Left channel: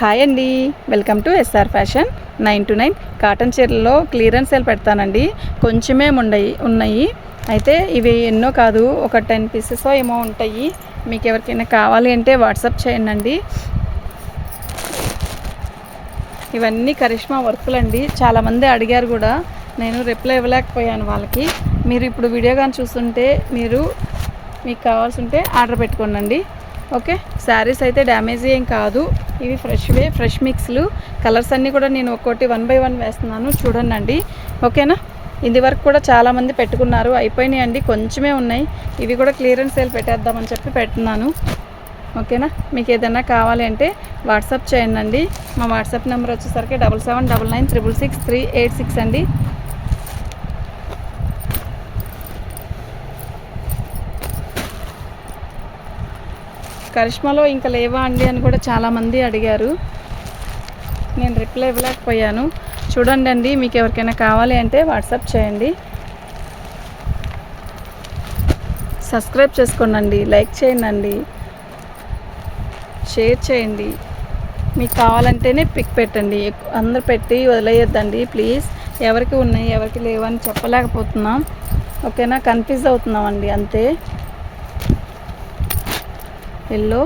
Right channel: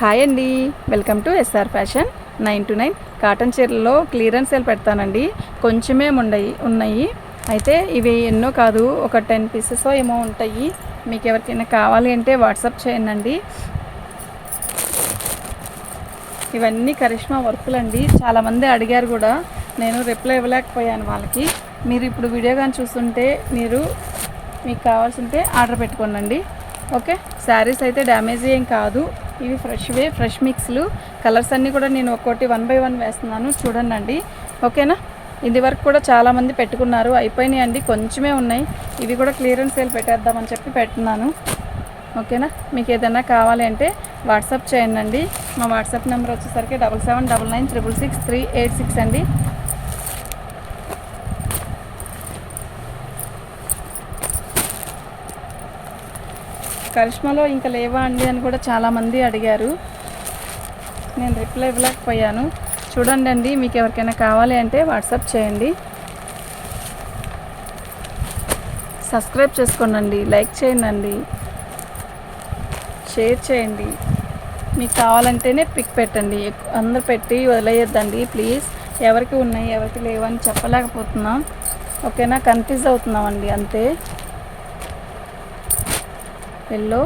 Hi అండి. Welcome to SR fashion. Nine to nine. Cotton చీరల్లో clearance sale పెడతానండి. కొంచెమే ఉండయి ఉన్నాయి. అయితే ఇవి ఎన్నో కాదు ఒక టెన్ పీసెస్ ఏమో ఉంటాయి. మీకు ఎవరికైనా కావాలి అంటే వాట్సాప్ చేయండి ఇవన్నీ కరిష్మా వర్కులు అండి. చాలామంది అడిగారు కూడా. నేను రిప్లై ఇవ్వలేకపోయాను వాళ్ళకి. మీరు ఇప్పుడు వీడియో కానీ చూస్తుంటే మీరు మీకు కావాల్సి ఉంటే ఆర్డర్ పెట్టుకోండి ఓకే. శారీస్ అయితే డ్యామేజ్ ఏం కాదు. ఇవి ఫ్రెష్వే ఫ్రెష్ మిక్స్లు. కలర్స్ అన్నీ కూడా నేను ఒక్కోటి వన్ బై వన్ వేస్తున్నాను. చూడండి ఓకేనా? ఇది వరకు కూడా చాలామంది పెట్టుకున్నారు. అయిపోయినాయి అండి కొంచెమే ఉన్నాయి. ఇవి కూడా క్లియరెన్స్ సేల్ పెట్టేద్దామని చెప్పి పెట్టున్నాను. ఓకేనా? మీకు ఏదైనా కావాలి అంటే వాట్సాప్ చేయండి మా వాట్సాప్ నెంబర్ వచ్చేసరికి double seven double nine triple six three eight six అండి. కరిష్మాలో ఇంకా లేవా అండి అని కూడా చాలామంది అడిగారు. నేను రిప్లై ఇవ్వలేకపోయాను. చూడండి అండి మీకు ఎవరికైనా కావాలి అంటే వాట్సాప్ చేయండి. సబ్స్క్రైబ్ చేసుకోండి లైక్ చేయండి షేర్ చేయండి. మీకు కావాలంటేనే పిక్ పెట్టండి. అందరు పెట్టి వదిలేయద్దండి ప్లీజ్. ఎవరికి ఉన్నాయి ఎవరికి లేవని చెప్పలేకపోతున్నాం. ఓకేనా? కన్ఫ్యూజ్ అవుతున్నామండి అంతే. ఎల్లో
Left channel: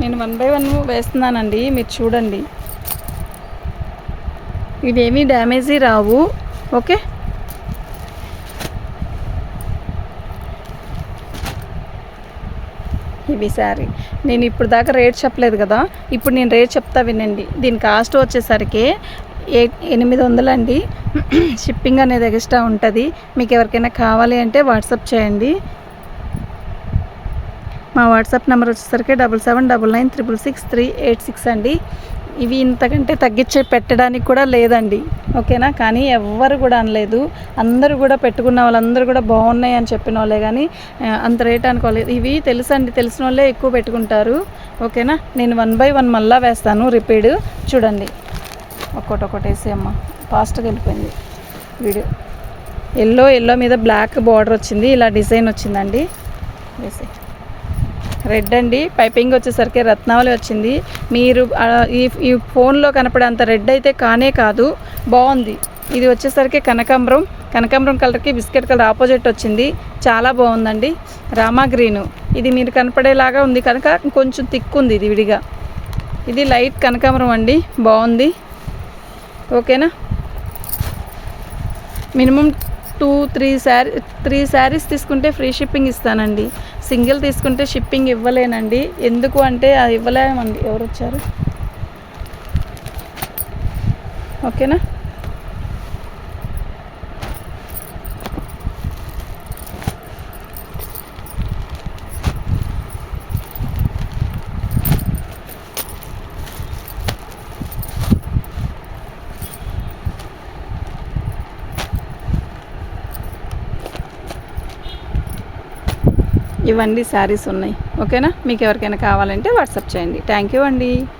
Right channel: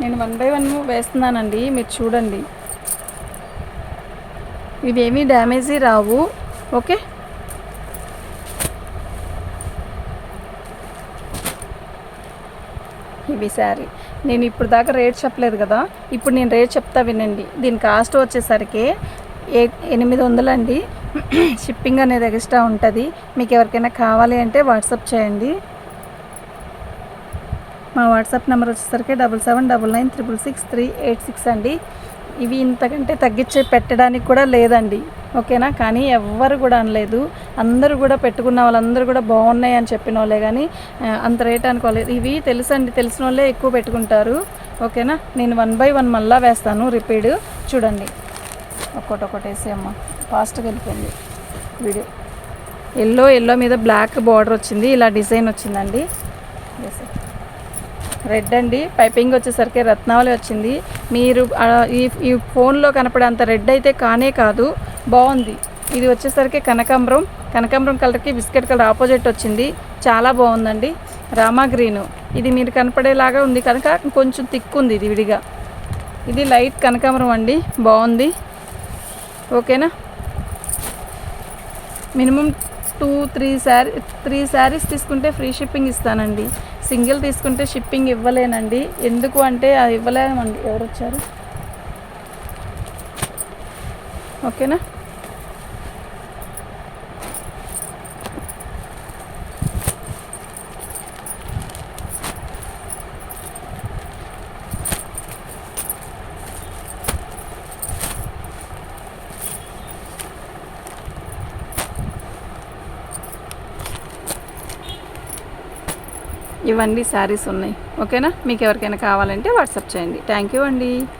నేను వన్ బై వన్ వేస్తున్నానండి మీరు చూడండి. ఇవేమీ డ్యామేజీ రావు ఓకే? ఇవి సారీ. నేను ఇప్పుడు దాకా రేట్ చెప్పలేదు కదా ఇప్పుడు నేను రేట్ చెప్తా వినండి. దీని కాస్ట్ వచ్చేసరికి ఏ ఎనిమిది వందలండి షిప్పింగ్ అనేది ఎక్స్ట్రా ఉంటుంది. మీకు ఎవరికైనా కావాలి అంటే వాట్సాప్ చేయండి. మా వాట్సాప్ నెంబర్ వచ్చేసరికి double seven double nine triple six three eight six అండి. ఇవి ఇంతకంటే తగ్గించే పెట్టడానికి కూడా లేదండి. ఓకేనా? కానీ ఎవ్వరు కూడా అనలేదు. అందరూ కూడా పెట్టుకున్న వాళ్ళందరూ కూడా బాగున్నాయి అని చెప్పిన వాళ్ళే కానీ అంత రేట్ అనుకోలేదు. ఇవి తెలుసండి. తెలిసిన వాళ్ళే ఎక్కువ పెట్టుకుంటారు. ఓకేనా? నేను వన్ బై వన్ మళ్ళా వేస్తాను రిపీడ్ చూడండి. ఒక్కొక్కటి ఒకటి వేసేయమ్మా. ఫాస్ట్గా వెళ్ళిపోయింది వీడియో. ఎల్లో ఎల్లో మీద బ్లాక్ బార్డర్ వచ్చింది. ఇలా డిజైన్ వచ్చిందండి. వేసే రెడ్ అండి. పైపింగ్ వచ్చేసరికి రత్నావళి వచ్చింది. మీరు ఈ ఈ ఫోన్లో కనపడేంత రెడ్ అయితే కానే కాదు. బాగుంది. ఇది వచ్చేసరికి కనకాంబరం. కనకాంబరం కలర్కి బిస్కెట్ కలర్ ఆపోజిట్ వచ్చింది. చాలా బాగుందండి. రామా గ్రీను. ఇది మీరు కనపడేలాగా ఉంది కనుక కొంచెం థిక్ ఉంది ఇది విడిగా. ఇది లైట్ కనకాంబరం అండి. బాగుంది. ఓకేనా? Minimum two three sari three saris తీసుకుంటే ఫ్రీ షిప్పింగ్ ఇస్తానండి. సింగిల్ తీసుకుంటే షిప్పింగ్ ఇవ్వలేనండి. ఎందుకు అంటే అది ఇవ్వలేమండి. ఎవరు వచ్చారు? ఓకేనా? ఇవన్నీ శారీస్ ఉన్నాయి. ఓకేనా? మీకు ఎవరికైనా కావాలంటే వాట్సాప్ చేయండి. థ్యాంక్ యూ అండి.